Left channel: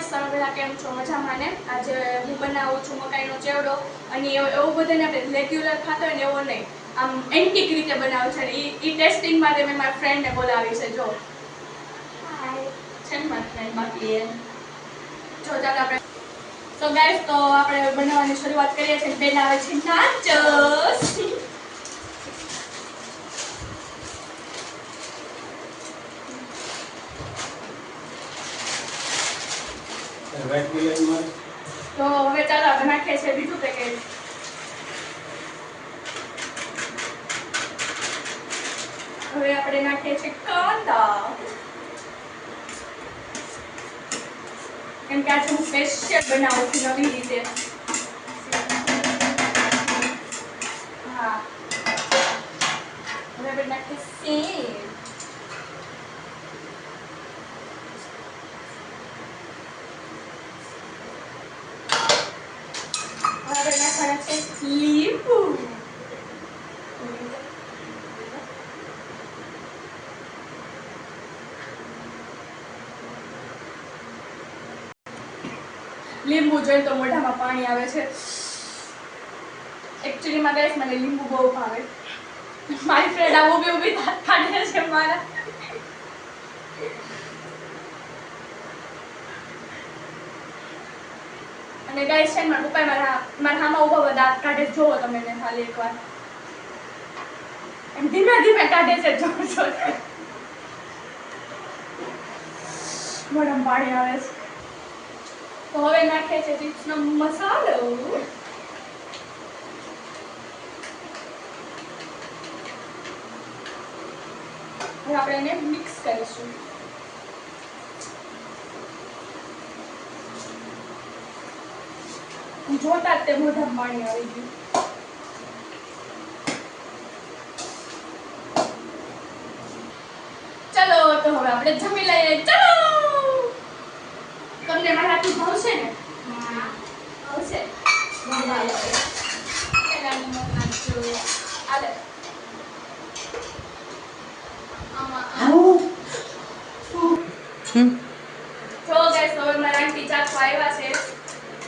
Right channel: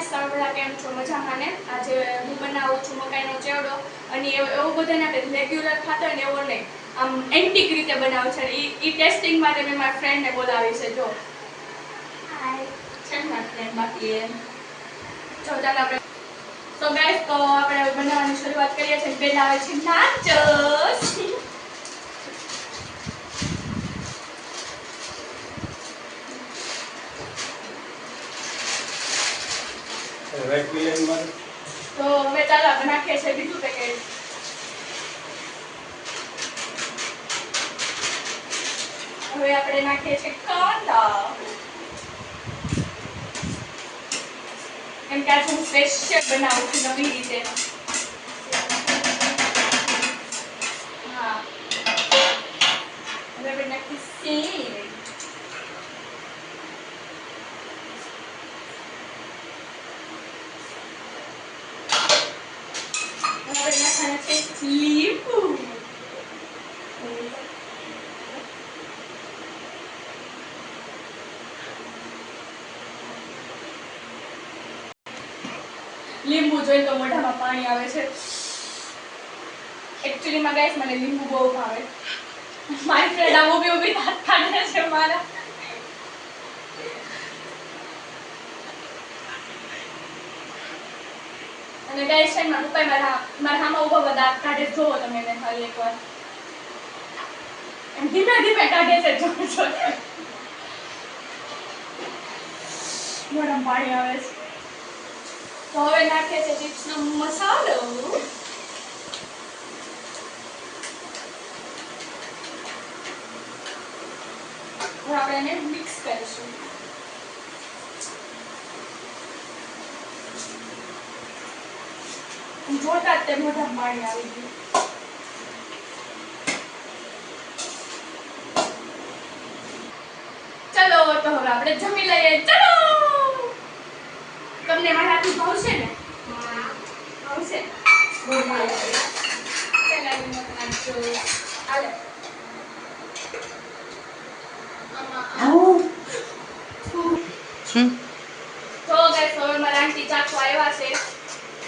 Guys, તમે બધા કેમ છો? મજામાં ને? આજે હું બનાવું છું મકાઈનો ચેવડો અને એવું બધાને આપણે રેગ્યુલર ખાતા હોય ને એવો નહીં, આમ એન્ટિક રીતે બનાવું છે. ઈ ટેસ્ટિંગ માટે મેં મારા ફ્રેન્ડને બોલાવી છે. જો હાય છે ને મારી ફ્રેન્ડ બાકી એમ જો ચાલો આપણે તો ગાઈસ તો આપણે બનાવવાની શરૂઆત કરીએ છીએ. પહેલા આવે છે નાચોસ. તો હવે ચાલો આપણે નાખીએ છીએ બીજું પેકેટ. હવે આપણે નાખીએ છીએ કાંદા, કેમ કે આજે હું સ્પેશિયલ બનાવું છું નવી રીતે. હા, હવે આપણે નાખીએ સેવ. હવે નાખવાના છે લીંબુ. લીંબુ જોઈ તો મોઢામાં પાણી આવે છે. એકચ્યુઅલી માં ગાઈસ મને લીંબુ બહુ ભાવે. મારી ફ્રેન્ડ આ ઊભી દાંત કાઢે છે મારા. અને ગાઈસ છે મારા પપ્પા મારા હામાં ઊભા દાંત કાઢે. જોવો તમે એને ખાલી એકવાર એમ ધીમે ધીમે કાઢે છે. જો મોઢામાં પાણી આવે છે. તો હવે નાખે છે ચિપ્સનો મસાલો. હવે આપણે એને મિક્સ કરીશું. જોતા જ તે મોઢામાં પાણી આવી ગયું. ચલો તો હવે આપણે જમી લઈએ. ચલો, તમને મારા હાથનું ભાવશે ને? ભાવશે. પેલા લીમડો નાખજો. આલે જો ગાઈસ હવે મારા આંટી ચાખો આવ્યા છે.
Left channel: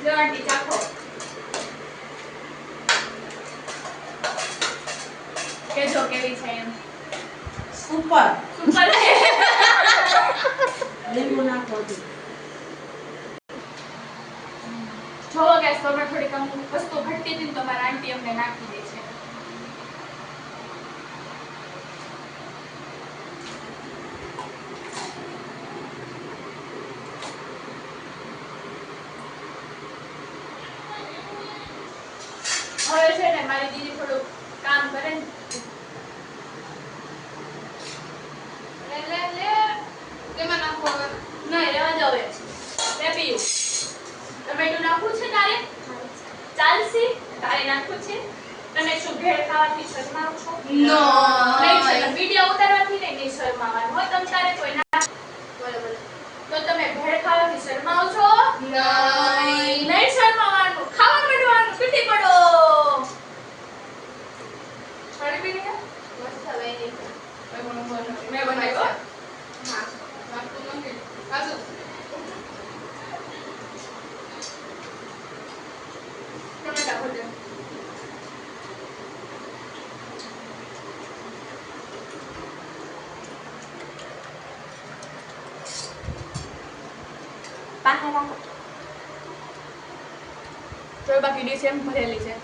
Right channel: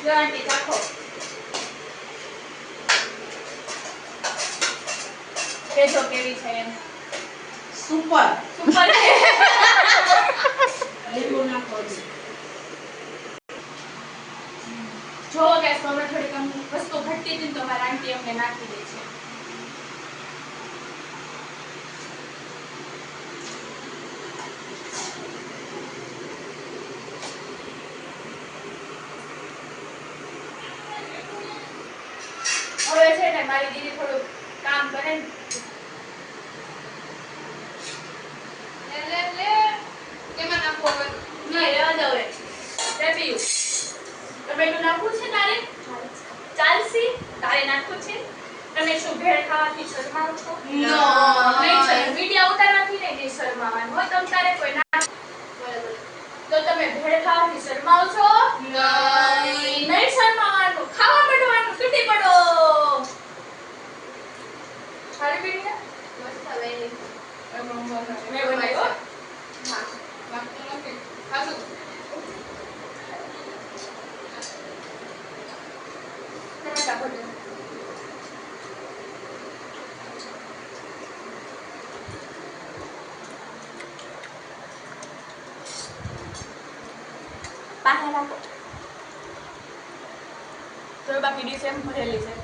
જો આંટી ચાખો. કેજો કેવી છે એમ. Super super. લીંબુ નાખો. જો ગાઈસ હવે થોડીક વસ્તુ ઘટતી હતી તો મારા આંટી અમને નાખી દે છે. હવે છે ને મારી દીદી થોડું કામ કરે ને. લે કેમાં નાખો હવે? નહીં રહેવા દો હવે. લે પીયું. ટમેટું નાખવું છે તારે? ચાલસી. તારે નાખવું છે? તમે શું ભેળ ખાવાથી શરમાવ છો? નો. નહીં છે. વિડિયો ઉતારવાથી નહીં શરમાવાનું હોય. તમ તારે કોઈ ના બોલે બોલે. તો તમે ભેળ ખાવાથી શરમાવ છો? નહીં. નહીં શરમાવાનું. ખાવા માંડવાનું. તૂટી પડો. ખાલી પીને મસ્ત હવે નહીં. મેં બનાવ્યો. હા નાખતું નથી. ખાશું. ટમેટા ભોજન. પાહે રાખો. તો બાકી ડીશ એમ ભરેલી છે.